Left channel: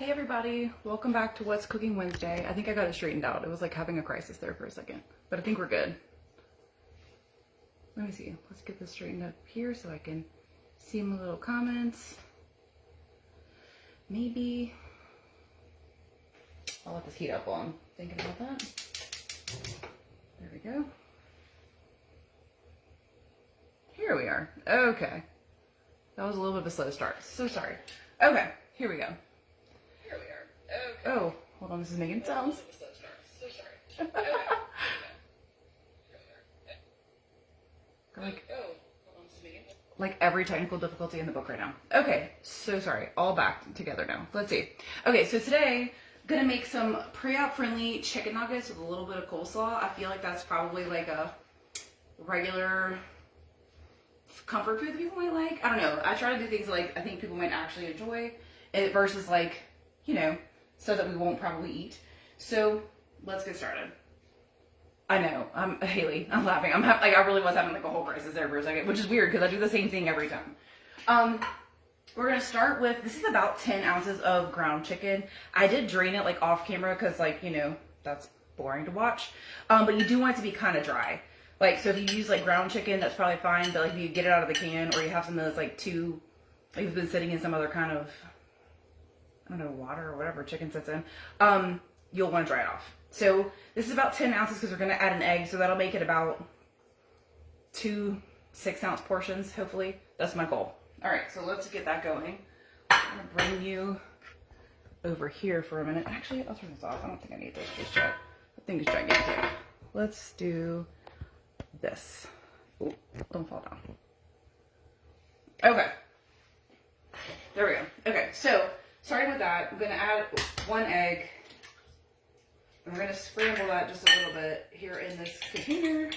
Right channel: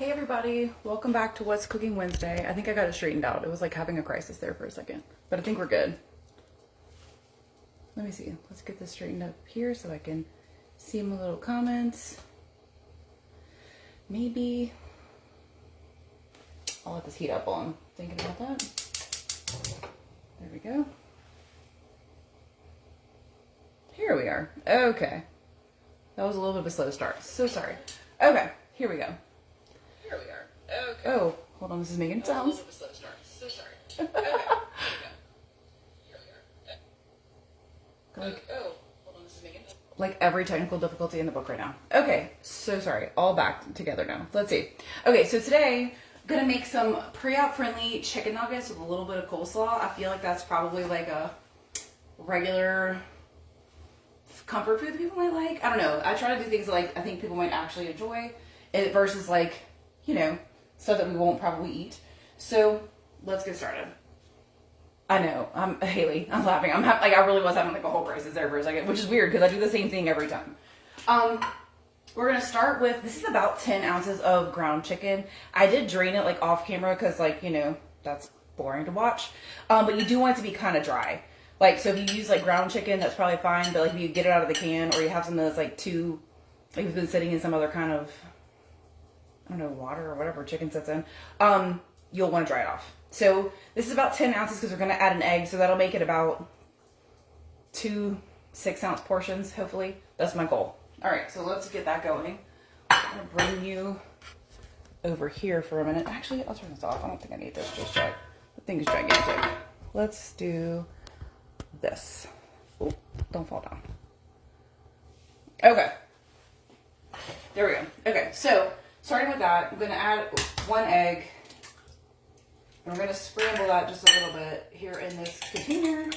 Hey everybody, welcome back to What's Cooking Wednesday. I think I got it straightened out. It was like having a crisis there for a second, but I think we're good. Let me see. Let's get this straightened up here so I can see my little comments. Maybe I'll let this heat up while I'm thinking about that. There we go. Here we are. Okay. That was a little bit of a slow start. So sorry. Okay, here we go. Here we are. Okay. Oh, hold on. This is making sounds. So sorry. Okay. Like every technical difficulty in the book right now. Okay, so sorry. All back together now. Let's see. Okay, so today I'm gonna make some pre-op friendly chicken nuggets with a little bit of coleslaw. I feel like that's probably like a regular comfort food that people might like. I don't know. I try to do things like I think people might actually enjoy it versus like, you know, stuff that we won't probably eat. So let's get started. I know. Haley, I'm laughing. I really was having like a whole crisis there for a second, which is weird because I do the same thing every time. We're going to start with, this is about 10 ounces of ground chicken. I did drain it like off camera because like, you know, that's boring to watch. But you do want it to be kind of dry. Like, so if you use like ground chicken, that's probably fine. But like if you get it out of the can or you have something that's like too, like it's been sitting in some other kind of, I don't know, water or whatever chicken sits in, you'll want to dry it off. So this is about 10 ounces because we're going to add an egg. So that'll make it about 2 6-ounce portions, hopefully. That's my goal. All right, so let's get that going. I'm going to bring you over here for a minute. Actually, I'll turn this off. I don't think I need this just yet. The thing is gigantic. Let's do this. Oh, don't fall down. Okay. There we go. Okay, so starting with that, I'm going to add 1 egg. And we're going to scramble that just a little bit here in this container.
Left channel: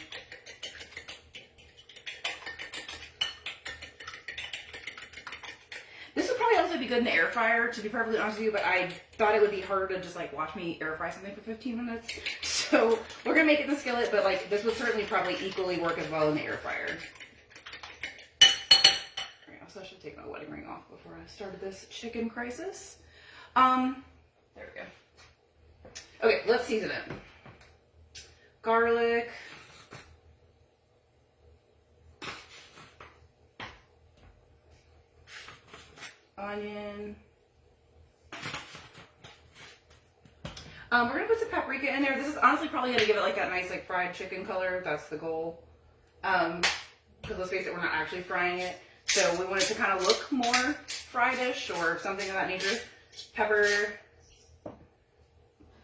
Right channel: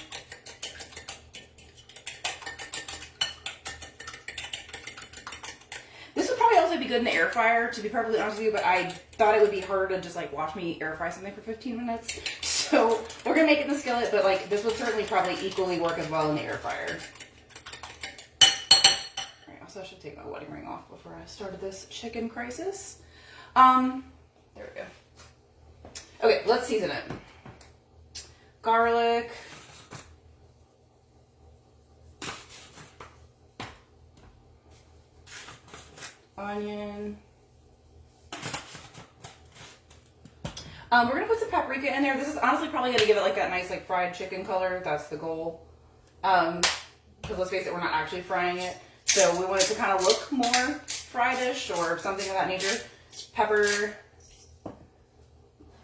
This would probably also be good in the air fryer, to be perfectly honest with you, but I thought it would be harder to just like watch me air fry something for 15 minutes. So we're going to make it in the skillet, but like this would certainly probably equally work as well in the air fryer. All right, also I should take my wedding ring off before I started this chicken crisis. There we go. Okay, let's season it. Garlic. Onion. We're gonna put some paprika in there. This is honestly probably gonna give it like that nice like fried chicken color. That's the goal. Because let's face it, we're not actually frying it. So we want it to kind of look more fried-ish or something of that nature. Pepper.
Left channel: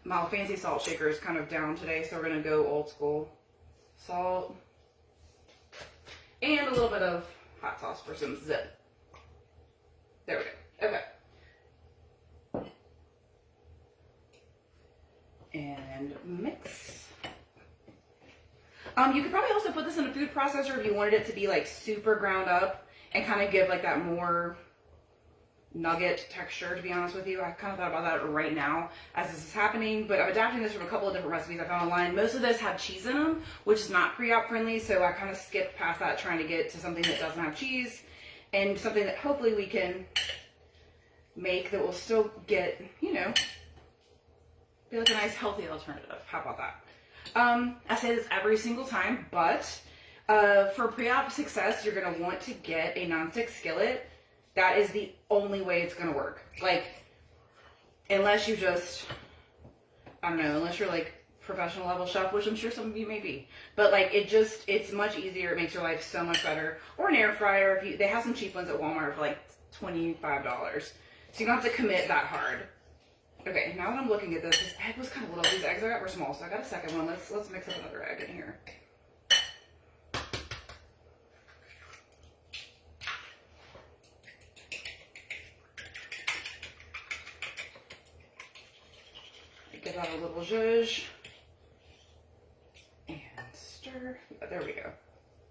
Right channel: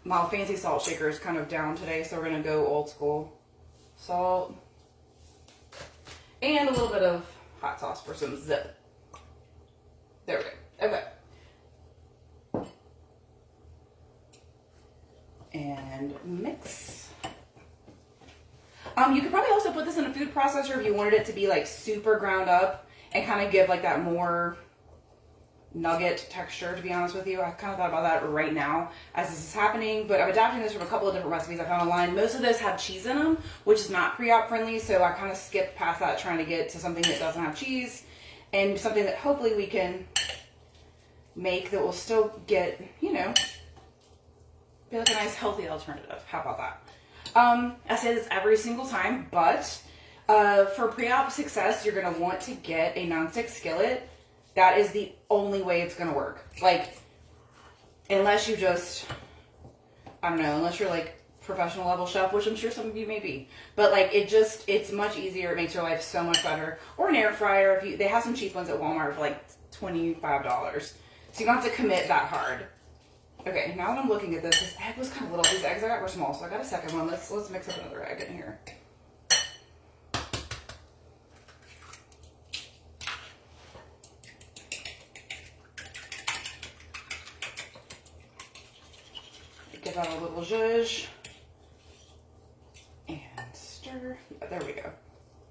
My fancy salt shaker is kind of down today, so we're going to go old school. Salt. And a little bit of hot sauce for some zip. There we go. Okay. And mix. You could probably also put this in a food processor if you wanted it to be like super ground up and kind of give like that more nugget texture, to be honest with you. I kind of thought about that right now as this is happening, but I'm adapting this from a couple of different recipes I found online. Most of those have cheese in them, which is not pre-op friendly, so I kind of skipped past that trying to get to something that doesn't have cheese and something that hopefully we can make that will still get, you know, be like a nice healthy alternative. How about that? I say this every single time, but for pre-op success, you're going to want to get a nonstick skillet. That is the only way it's going to work. Like, unless you just, I don't know, unless you're like professional level chef, which I'm sure some of you may be. But like, it's much easier. It makes your life so much better. Or an air fryer. They have some cheap ones at Walmart for like $25. So you don't have to commit that hard. Okay, now that I'm looking at this egg was kind of little. These eggs I got were small, so I got a second one. Let's mix up another egg in here. Give that a little zhuzh and stir. Yeah, there we go.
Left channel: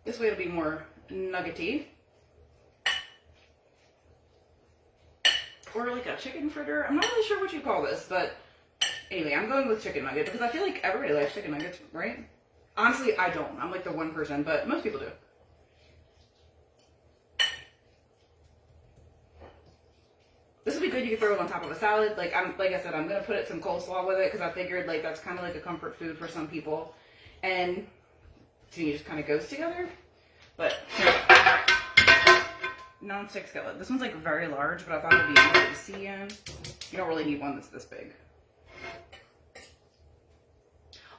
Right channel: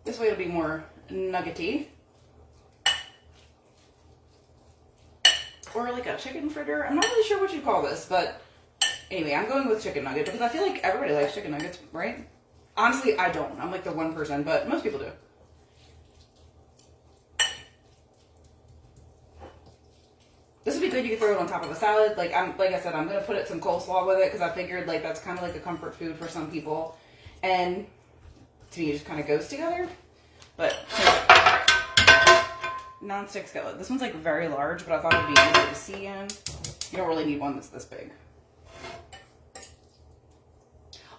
This way it'll be more nuggety. Or like a chicken fritter. I'm not really sure what you call this, but anyway, I'm going with chicken nugget because I feel like everybody likes chicken nuggets, right? Honestly, I don't. I'm like the one person, but most people do. good. You can throw it on top of a salad. Like I said, I'm gonna put some coleslaw with it because I figured like that's kind of like a comfort food for some people, and to me it just kind of goes together. But non-stick skillet. This one's like very large, but I thought it'd be easier to see in. You don't really need one that's this big.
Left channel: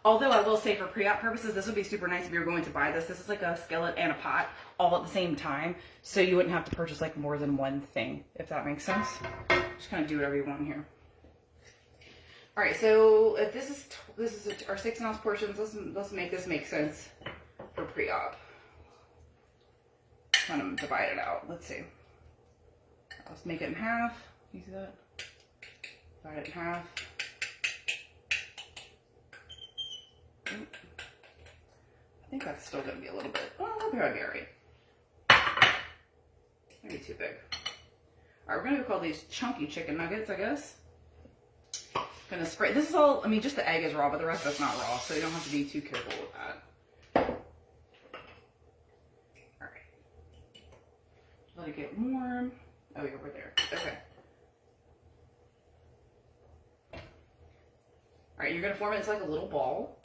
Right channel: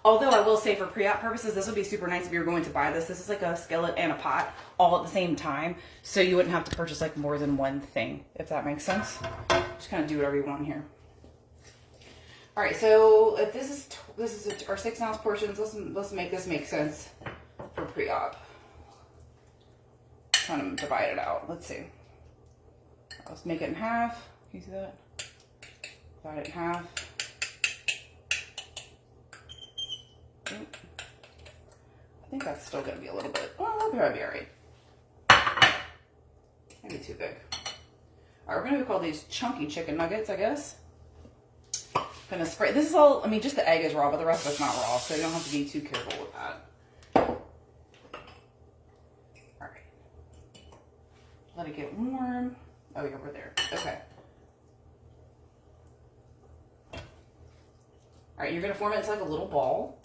Although I will say for pre-op purposes, this would be super nice if you were going to buy this. This is like a skillet and a pot all at the same time. So you wouldn't have to purchase like more than one thing, if that makes sense. Just kind of do whatever you want here. All right, so if this is our 6 ounce portions, let's make this make sense for pre-op. Trying to divide it out. Let's see. Let's make it in half. Can you see that? Divide it in half. I think that's still going to be a little bit, well, that'll probably be all right. Maybe too big. All right, we're going to call these chunky chicken nuggets, I guess. Gonna spray, this is all, I mean, just the egg is raw, but the rest of it's not raw, so you don't have to be too careful with that. All right. Let it get warm. Oh, yeah, we're there. Okay. All right, you're going to form it into like a little ball.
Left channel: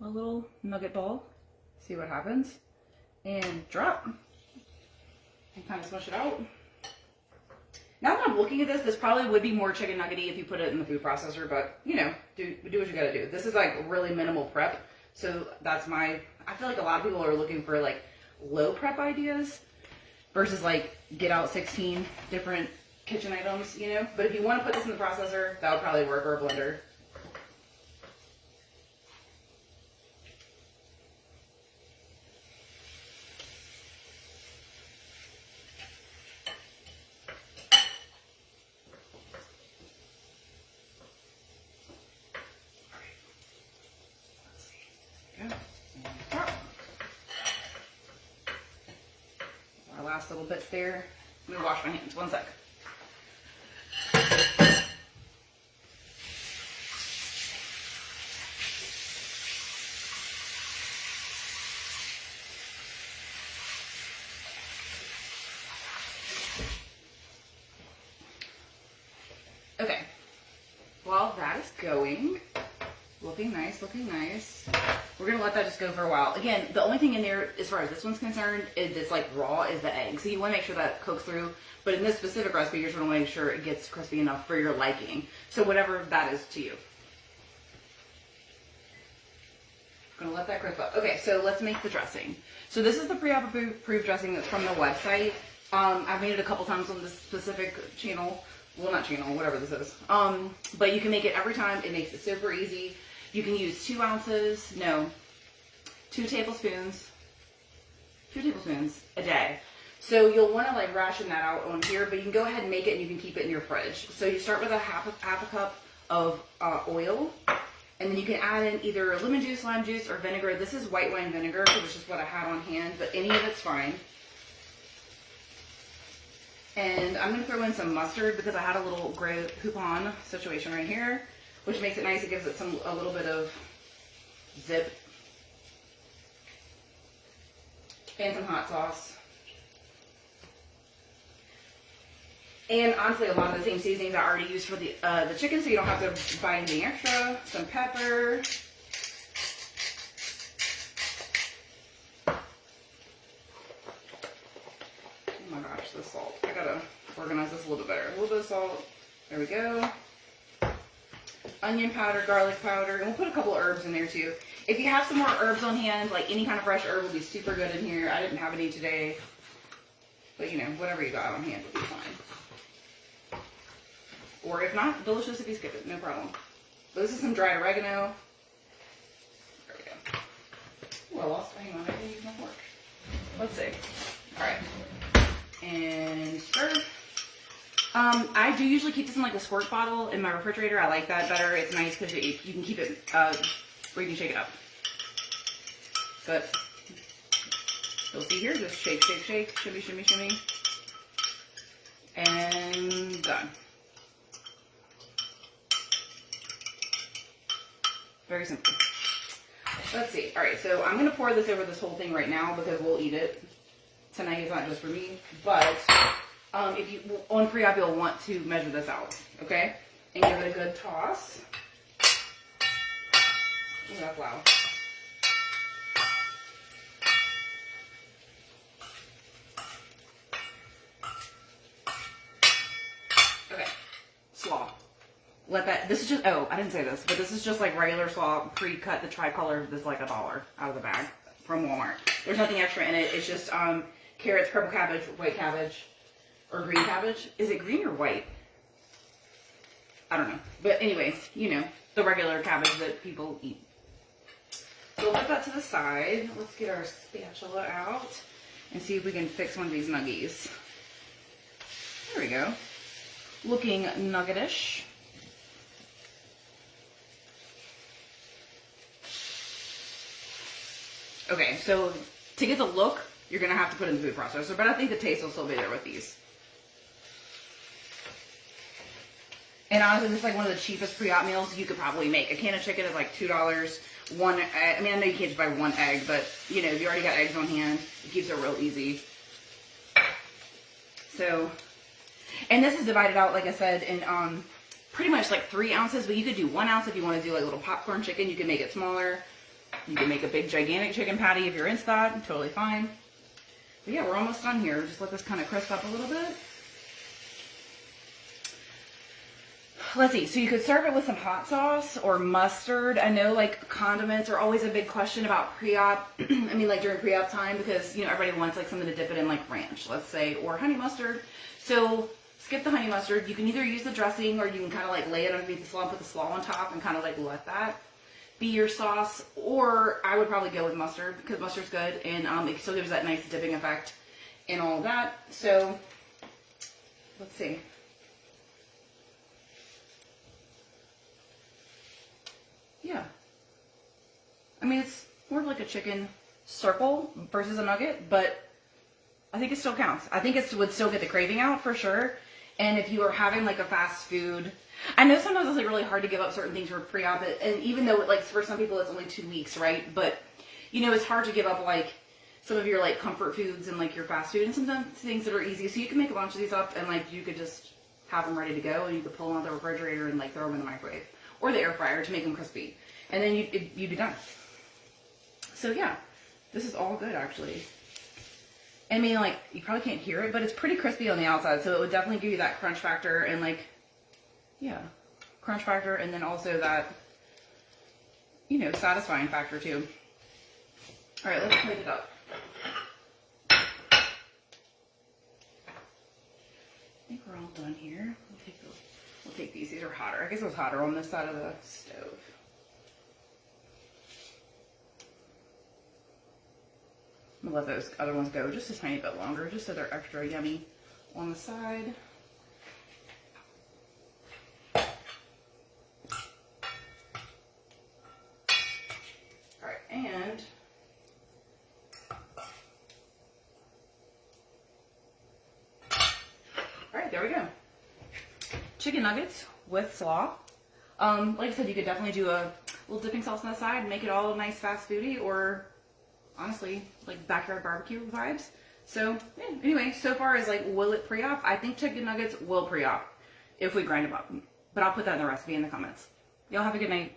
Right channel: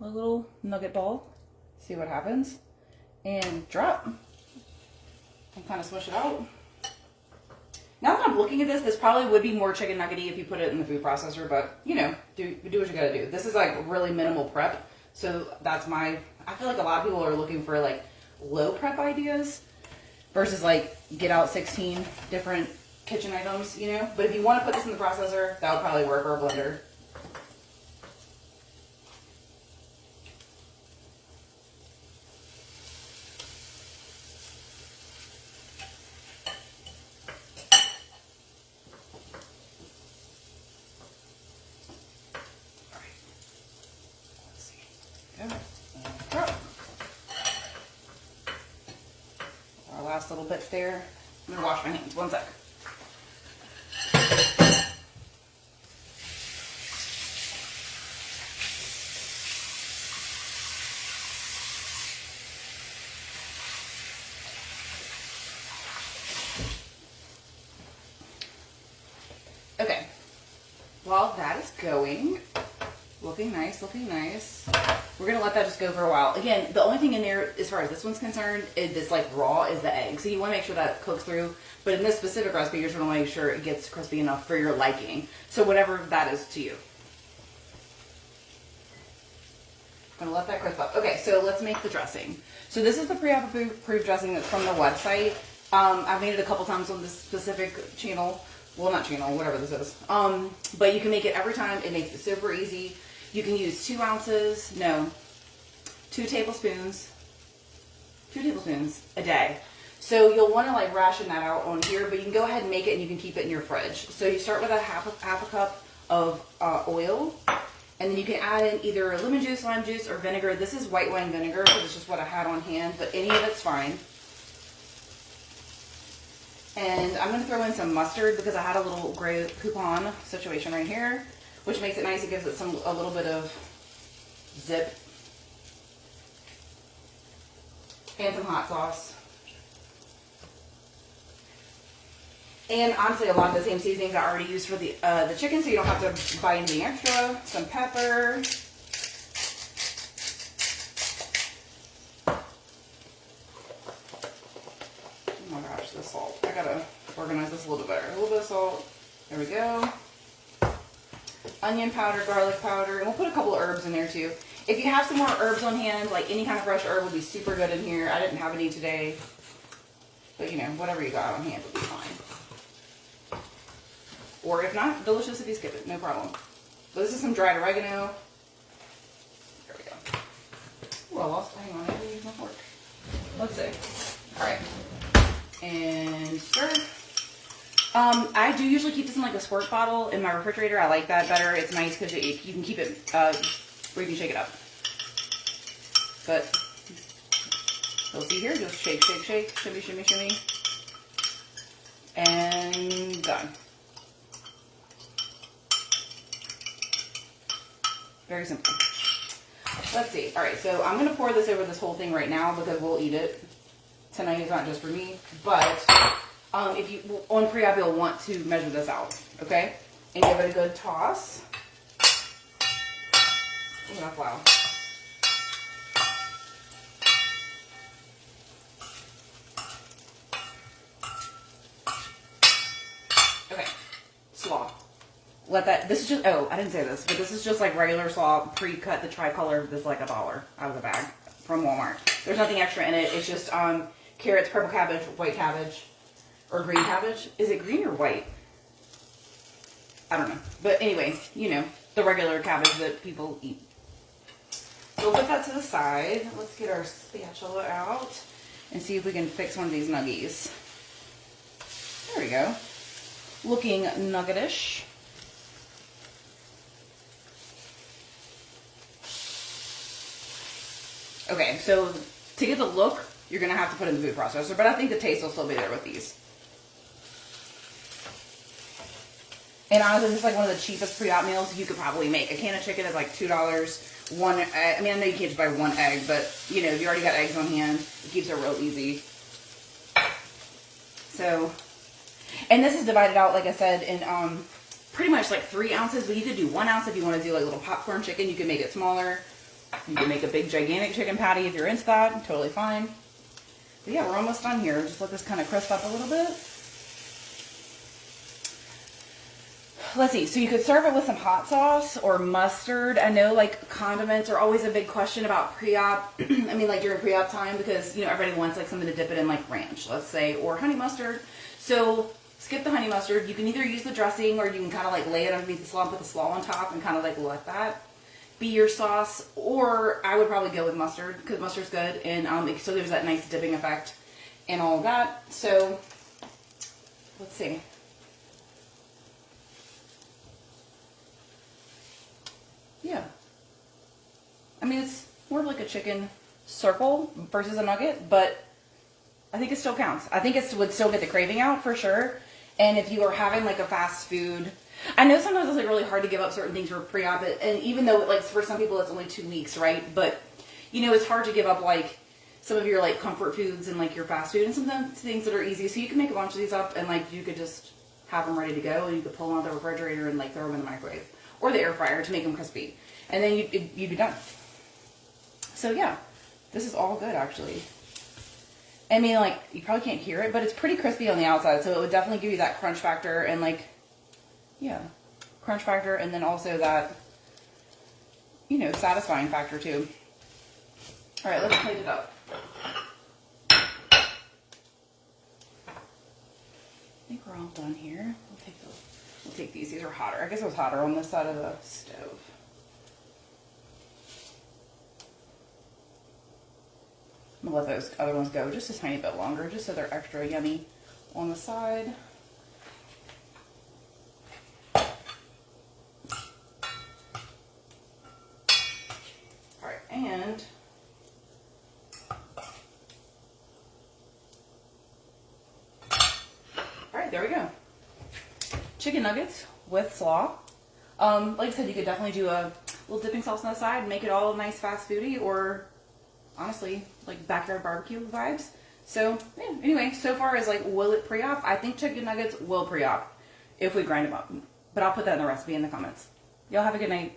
A little nugget ball. See what happens. And drop. And kind of smush it out. Now that I'm looking at this probably would be more chicken nuggety if you put it in the food processor, but you know, do what you gotta do. This is like really minimal prep. So that's I feel like a lot of people are looking for like low prep ideas versus like get out 16 different kitchen items, you know? But if you want to put this in the processor, that would probably work, or a blender. Our last little bits there. Let me wash my hands. One sec. Okay. While that is going, looking nice, looking nice. We're gonna let that just go for a while. Again, the only thing in there, as far as this one's concerned, is this like raw, is the egg. So you want to make sure that cooks through. But in this specific recipe, you're just gonna make sure it gets crispy enough for your liking. So whatever that is to you. Gonna let that crisp up. Okay, so let's make the dressing. So this is the pre-op approved dressing that's from the website. I've made it a couple times on this specific channel. Well, not channel, whatever this is. But you can make it every time. It makes it super easy. You can use 2 tablespoons a day. So you'll want to like ration that out on here, but you can go ahead and make it and you can keep it in your fridge. So you start with a half a cup of oil, and then you can add in either lemon juice, lime juice, or vinegar. This is white wine vinegar because it's just what I had on hand, but any of it's fine. And I'm going to throw in some mustard because I had a little gray coupon situation right here, which makes it nice. It gives it a little bit of zip. And some hot sauce. And honestly, a lot of the same seasonings I already used for the chicken, so you don't have to buy anything extra. Some pepper. Oh my gosh, the salt. I gotta organize this a little bit better. A little bit of salt. There we go. Onion powder, garlic powder, and we'll put a couple of herbs in there too. If you have some more herbs on hand, like any kind of fresh herb would be super good in here. I didn't have any today, but you know, whatever you got on hand would be fine. Or if not, delicious if you skip it, no problem. But this is some dried oregano. There we go. Ooh, I lost, hang on, I didn't use my fork. Let's see. All right. And stir. I do usually keep this in like a squirt bottle in my refrigerator. I like that better. It's nice because you can keep it, where you can shake it up. But you'll see here, just shake, shake, shake, shimmy, shimmy, shimmy. And done. Very simple. Let's see. All right, so I'm going to pour this over this whole thing right now because we'll eat it. Tonight is not just for me, but if you, on pre-op, you'll want to measure this out, okay? And give it a good toss. Oh, that's loud. Okay, slaw. Let that, this is just, oh, I didn't say this, but this is just like regular slaw, pre-cut, the tricolor. This is like $1 out of the bag from Walmart. There's nothing extra in it. It's just carrots, purple cabbage, white cabbage, or green cabbage. Is it green or white? I don't know. But anyways, you know, the regular cabbage that people eat. So we'll put that to the side. Let's get our spatula out and see if we can fix one of these nuggies. There we go. Looking nuggetish. Okay, so to get the look, you're going to have to put in the food processor, but I think the taste will still be there with these. And honestly, this is like one of the cheapest pre-op meals you could probably make. A can of chicken is like $2. I mean, I know you can't just buy one egg, but you know, you already got eggs on hand. It keeps it real easy. So, and this is divided out, like I said, in pretty much like 3 ounces, but you could do 1 ounce if you want to do like a little popcorn chicken. You can make it smaller. You can make a big, gigantic chicken patty if you're into that. Totally fine. But yeah, we're almost done here. Just let this kind of crisp up a little bit. Let's see. So you could serve it with some hot sauce or mustard. I know like condiments are always a big question about pre-op. I mean, like during pre-op time, because you know everybody wants like something to dip it in, like ranch, let's say, or honey mustard. So skip the honey mustard. You can either use the dressing, or you can kind of like lay it underneath the slaw, put the slaw on top, and kind of like let that be your sauce. Or I would probably go with mustard, because mustard's good, and it still gives that nice dipping effect and all of that. So let's see. Yeah. I mean, it's more of like a chicken circle versus a nugget, but I think it still counts. I think it would still get the craving out for sure. And if you are having like a fast food, I know sometimes it's like really hard to give up certain things for pre-op, and even though like for some people it's only 2 weeks, right? But you know, it's hard to give up like some of your like comfort foods and like your fast food and sometimes things that are easy. So you can make a bunch of these up and like you could just have them ready to go, and you could pull them out of the refrigerator and like throw them in the microwave or the air fryer to make them crispy. And then you'd be done. So yeah, this is all good actually. I mean, like, you probably can't hear it, but it's pretty crispy on the outside, so it would definitely give you that crunch factor and like, yeah, crunch factor, and then also that, you know, satisfying factor too. All right, let's plate it up. I think we're all done here. We'll take these. These are hotter. I guess it was hotter on this side of the stove. I'm gonna let those other ones go just a tiny bit longer, just so they're extra yummy on the side. All right, and all right, there we go. Chicken nuggets with slaw. Like I said, you could definitely do a little dipping sauce on the side and make it all nice fast foodie, or honestly, like backyard barbecue vibes. So yeah, anyway, so far as like, will it pre-op? I think chicken nuggets will pre-op if we grind them up. But I'll put that in the recipe in the comments. Y'all have a good night.